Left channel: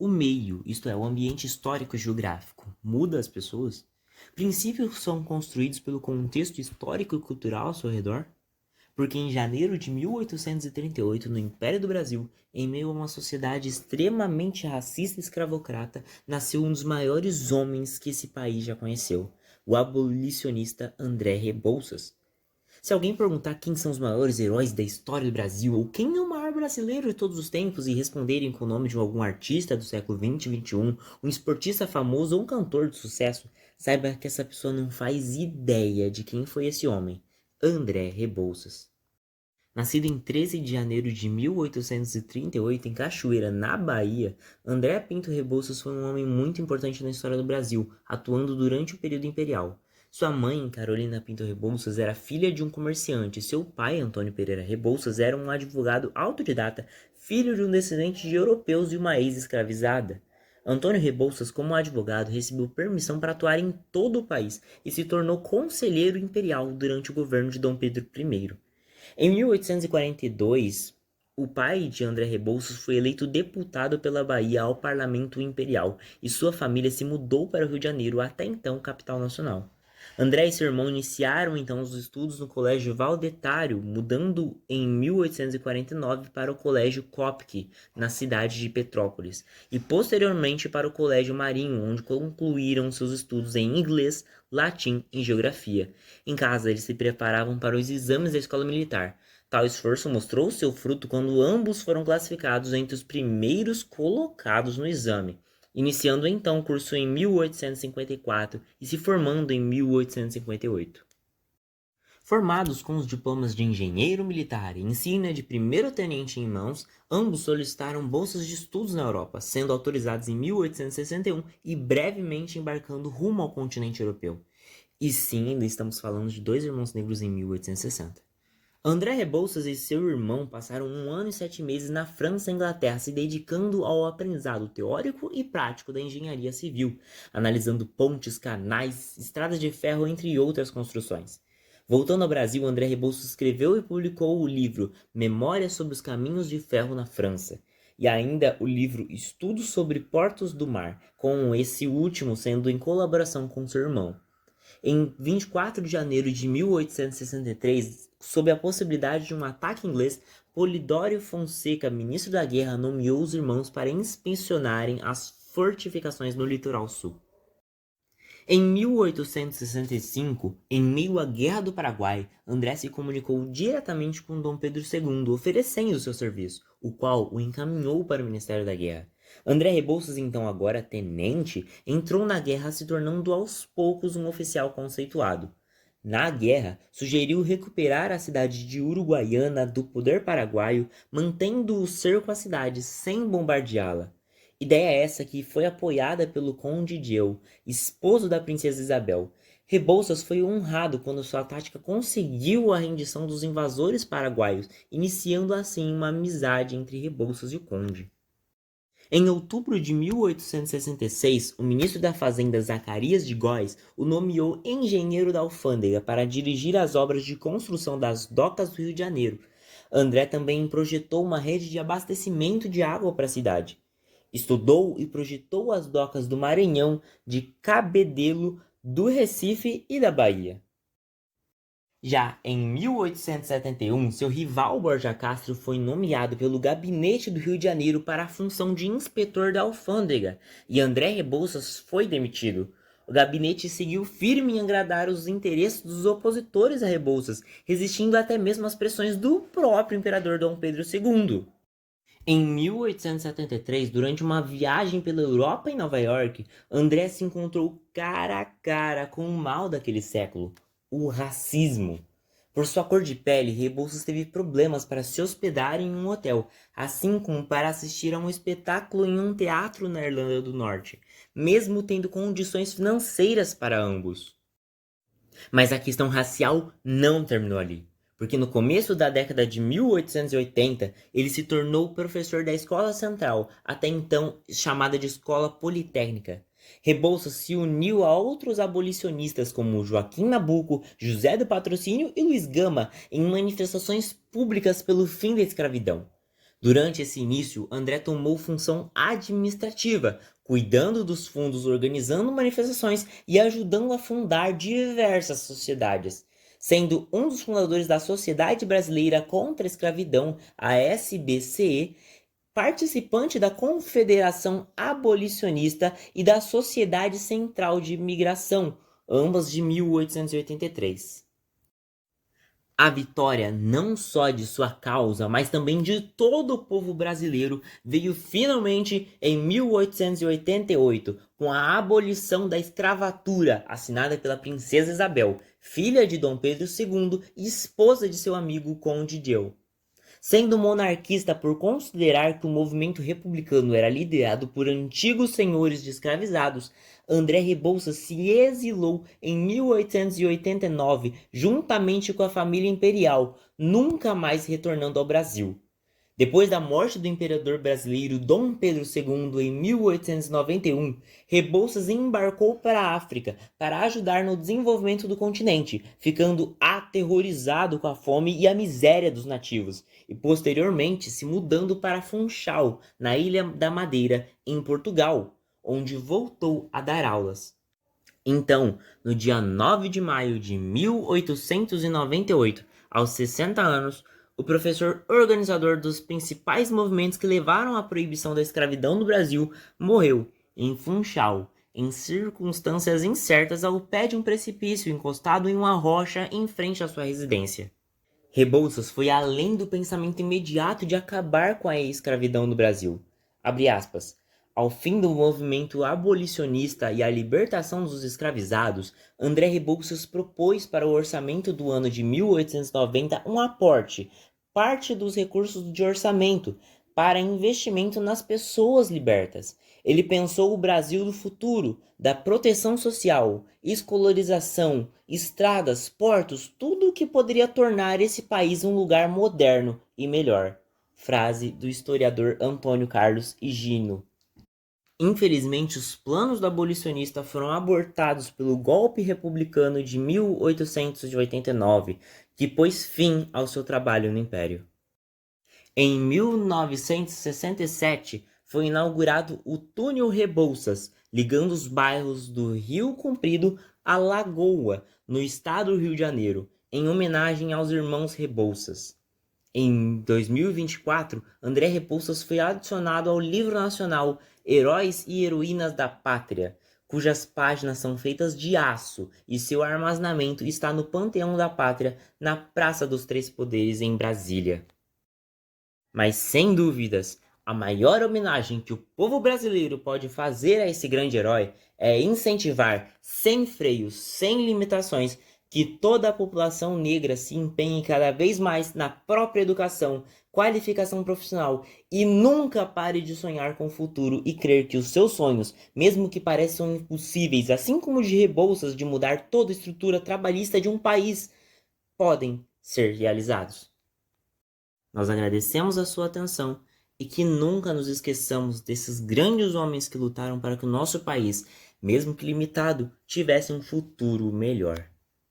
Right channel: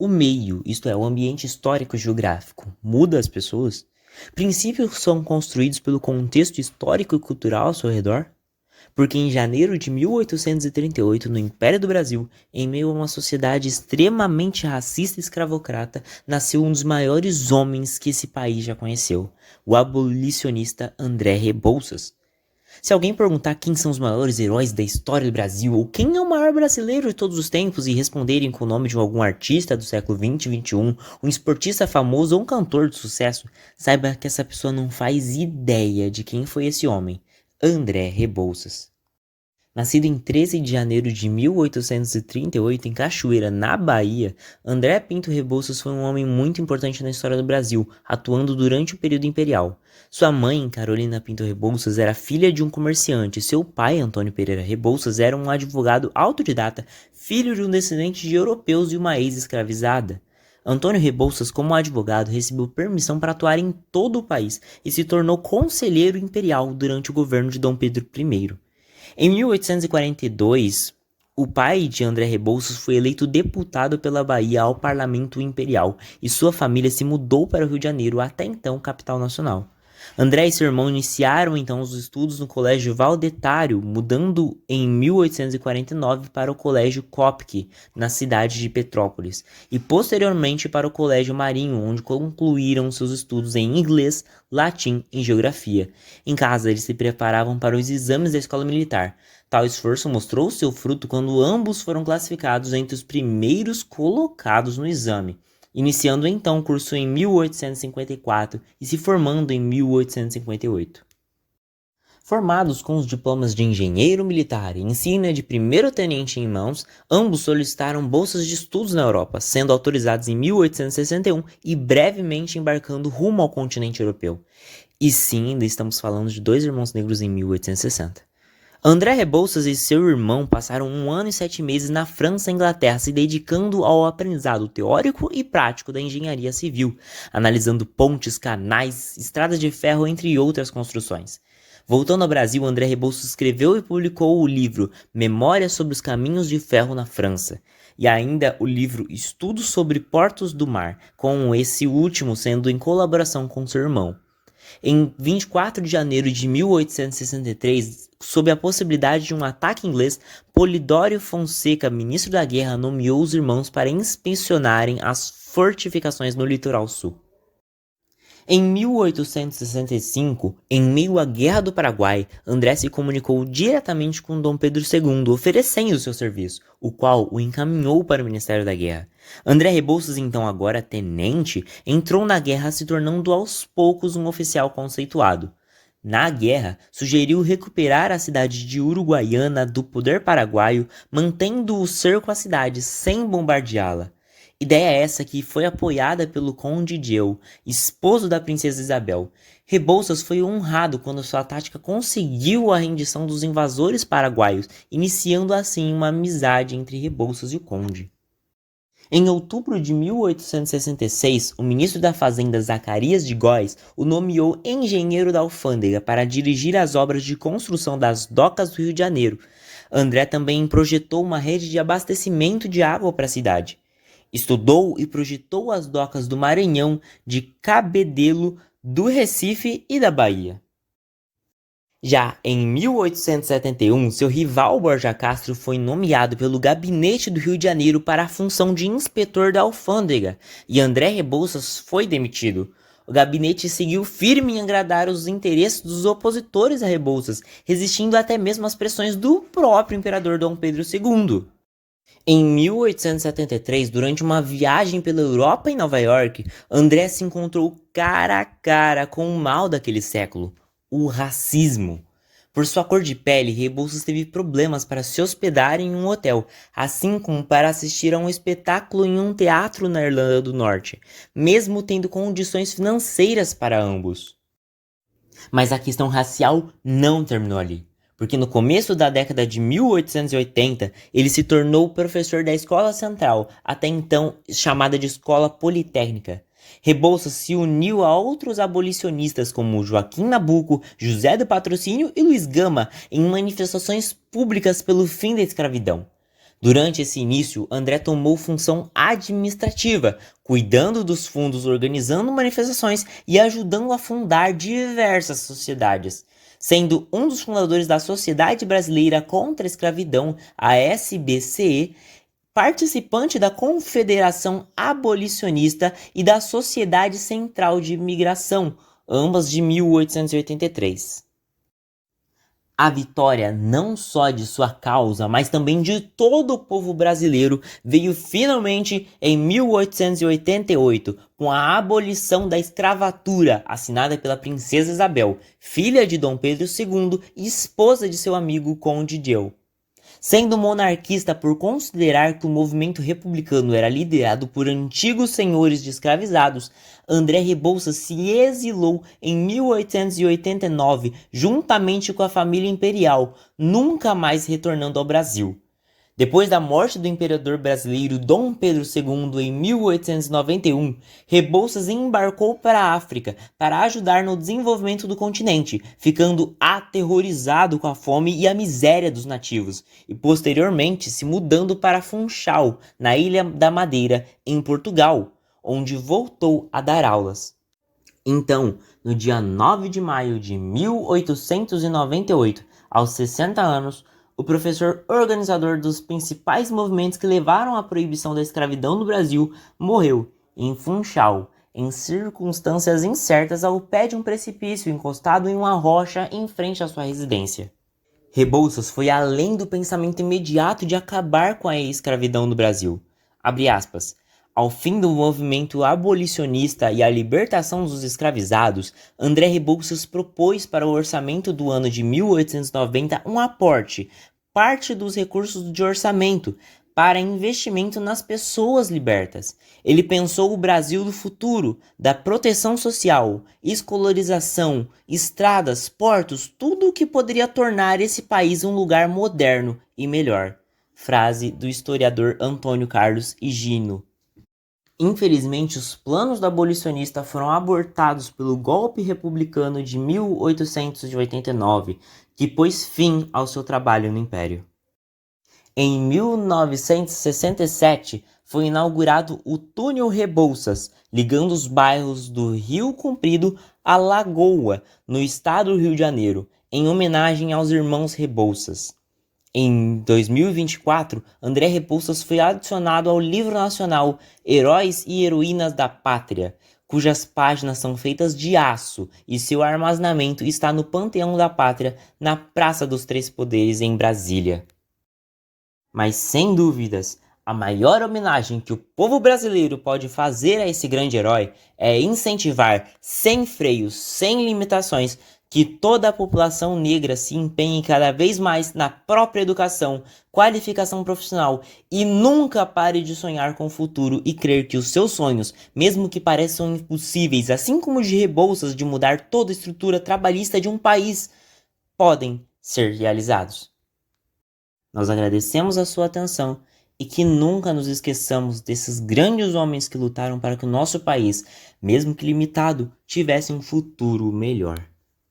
O meio, isto é, o ambiente histórico-geográfico, muda as pessoas? Princípios são construídos pelo contexto histórico e cultural ao seu redor? Porque em janeiro de 1838, no Império do Brasil, em meio a uma sociedade extremamente racista e escravocrata, nasceu um dos maiores homens que esse país já conheceu, o abolicionista André Rebouças. Se alguém perguntar quem são os maiores heróis da história do Brasil ou quem é o maior brasileiro de todos os tempos e responderem com o nome de algum artista do século 20 e 21, um esportista famoso ou um cantor de sucesso, saiba que essa pessoa não faz ideia de quem foi esse homem, André Rebouças. Nascido em 13 de janeiro de 1838 em Cachoeira, na Bahia, André Pinto Rebouças foi um homem muito importante na história do Brasil, atuando durante o período imperial. Sua mãe, Carolina Pinto Rebouças, era filha de um comerciante e seu pai, Antônio Pereira Rebouças, era um advogado autodidata, filho de um descendente de europeus e uma ex-escravizada. Antônio Rebouças, como advogado, recebeu permissão para atuar em todo o país e se tornou conselheiro imperial durante o governo de Dom Pedro I. Em 1842, o pai de André Rebouças foi eleito deputado pela Bahia ao Parlamento Imperial e sua família se mudou para o Rio de Janeiro, até então capital nacional. André e seu irmão iniciaram então os estudos no Colégio Valdetário, mudando em 1849 para o Colégio Copque, na cidade de Petrópolis, e posteriormente para o Colégio Marinho, onde concluíram seus estudos em inglês, latim e geografia. Em casa, eles se preparavam para os exames da escola militar. Tal esforço mostrou seu fruto quando ambos foram classificados entre os primeiros colocados no exame, iniciando então o curso em 1854 e se formando em 1858. Formados com os diplomas de engenheiro militar e insígnia de primeiro-tenente em mãos, ambos solicitaram bolsas de estudos na Europa, sendo autorizados em 1861 e brevemente embarcando rumo ao continente europeu. E sim, ainda estamos falando de dois irmãos negros em 1860. André Rebouças e seu irmão passaram 1 ano e 7 meses na França e Inglaterra, se dedicando ao aprendizado teórico e prático da engenharia civil, analisando pontes, canais, estradas de ferro, entre outras construções. Voltando ao Brasil, André Rebouças escreveu e publicou o livro Memórias sobre os Caminhos de Ferro na França, e ainda o livro Estudos sobre Portos do Mar, com esse último sendo em colaboração com seu irmão. Em 24 de janeiro de 1863, sob a possibilidade de um ataque inglês, Polidório Fonseca, ministro da guerra, nomeou os irmãos para inspecionarem as fortificações no litoral sul. Em 1865, em meio à Guerra do Paraguai, André se comunicou diretamente com Dom Pedro II, oferecendo seu serviço, o qual o encaminhou para o Ministério da Guerra. André Rebouças, então agora tenente, entrou na guerra se tornando aos poucos um oficial conceituado. Na guerra, sugeriu recuperar a cidade de Uruguaiana do poder paraguaio, mantendo o cerco à cidade sem bombardeá-la. Ideia essa que foi apoiada pelo Conde Dieu, esposo da princesa Isabel. Rebouças foi honrado quando sua tática conseguiu a rendição dos invasores paraguaios, iniciando assim uma amizade entre Rebouças e o Conde. Em outubro de 1866, o ministro da Fazenda Zacarias de Góes o nomeou engenheiro da alfândega para dirigir as obras de construção das docas do Rio de Janeiro. André também projetou uma rede de abastecimento de água para a cidade. Estudou e projetou as docas do Maranhão, de Cabedelo, do Recife e da Bahia. Já em 1871, seu rival Borja Castro foi nomeado pelo Gabinete do Rio de Janeiro para a função de inspetor da alfândega, e André Rebouças foi demitido. O gabinete seguiu firme em agradar os interesses dos opositores a Rebouças, resistindo até mesmo às pressões do próprio imperador Dom Pedro II. Em 1873, durante uma viagem pela Europa e Nova York, André se encontrou cara a cara com o mal daquele século, o racismo. Por sua cor de pele, Rebouças teve problemas para se hospedar em um hotel, assim como para assistir a um espetáculo em um teatro na Irlanda do Norte, mesmo tendo condições financeiras para ambos. Mas a questão racial não terminou ali, porque no começo da década de 1880 ele se tornou professor da Escola Central, até então chamada de Escola Politécnica. Rebouças se uniu a outros abolicionistas como Joaquim Nabuco, José do Patrocínio e Luiz Gama em manifestações públicas pelo fim da escravidão. Durante esse início, André tomou função administrativa, cuidando dos fundos, organizando manifestações e ajudando a fundar diversas sociedades, sendo um dos fundadores da Sociedade Brasileira contra a Escravidão, a SBCE, participante da Confederação Abolicionista e da Sociedade Central de Imigração, ambas de 1883. A vitória não só de sua causa, mas também de todo o povo brasileiro veio finalmente em 1888, com a abolição da escravatura, assinada pela princesa Isabel, filha de Dom Pedro II e esposa de seu amigo Conde Dieu. Sendo monarquista por considerar que o movimento republicano era liderado por antigos senhores de escravizados, André Rebouças se exilou em 1889 juntamente com a família imperial, nunca mais retornando ao Brasil. Depois da morte do imperador brasileiro Dom Pedro II em 1891, Rebouças embarcou para a África para ajudar no desenvolvimento do continente, ficando aterrorizado com a fome e a miséria dos nativos, e posteriormente se mudando para Funchal, na Ilha da Madeira, em Portugal, onde voltou a dar aulas. Então, no dia 9 de maio de 1898, aos 60 anos, o professor organizador dos principais movimentos que levaram à proibição da escravidão no Brasil morreu em Funchal, em circunstâncias incertas ao pé de um precipício encostado em uma rocha em frente à sua residência. Rebouças foi além do pensamento imediato de acabar com a escravidão no Brasil. Abre aspas. Ao fim do movimento abolicionista e a libertação dos escravizados, André Rebouças propôs para o orçamento do ano de 1890 um aporte, parte dos recursos de orçamento, para investimento nas pessoas libertas. Ele pensou o Brasil do futuro, da proteção social, escolarização, estradas, portos, tudo o que poderia tornar esse país um lugar moderno e melhor. Frase do historiador Antônio Carlos Higino. Infelizmente, os planos do abolicionista foram abortados pelo golpe republicano de 1889, que pôs fim ao seu trabalho no Império. Em 1967, foi inaugurado o Túnel Rebouças, ligando os bairros do Rio Comprido à Lagoa, no estado do Rio de Janeiro, em homenagem aos irmãos Rebouças. Em 2024, André Rebouças foi adicionado ao livro nacional Heróis e Heroínas da Pátria, cujas páginas são feitas de aço e seu armazenamento está no Panteão da Pátria, na Praça dos Três Poderes, em Brasília. Mas, sem dúvidas, a maior homenagem que o povo brasileiro pode fazer a esse grande herói é incentivar, sem freios, sem limitações, que toda a população negra se empenhe cada vez mais na própria educação, qualificação profissional e nunca pare de sonhar com o futuro e crer que os seus sonhos, mesmo que pareçam impossíveis, assim como os de Rebouças de mudar toda a estrutura trabalhista de um país, podem ser realizados. Nós agradecemos a sua atenção e que nunca nos esqueçamos desses grandes homens que lutaram para que o nosso país, mesmo que limitado, tivesse um futuro melhor.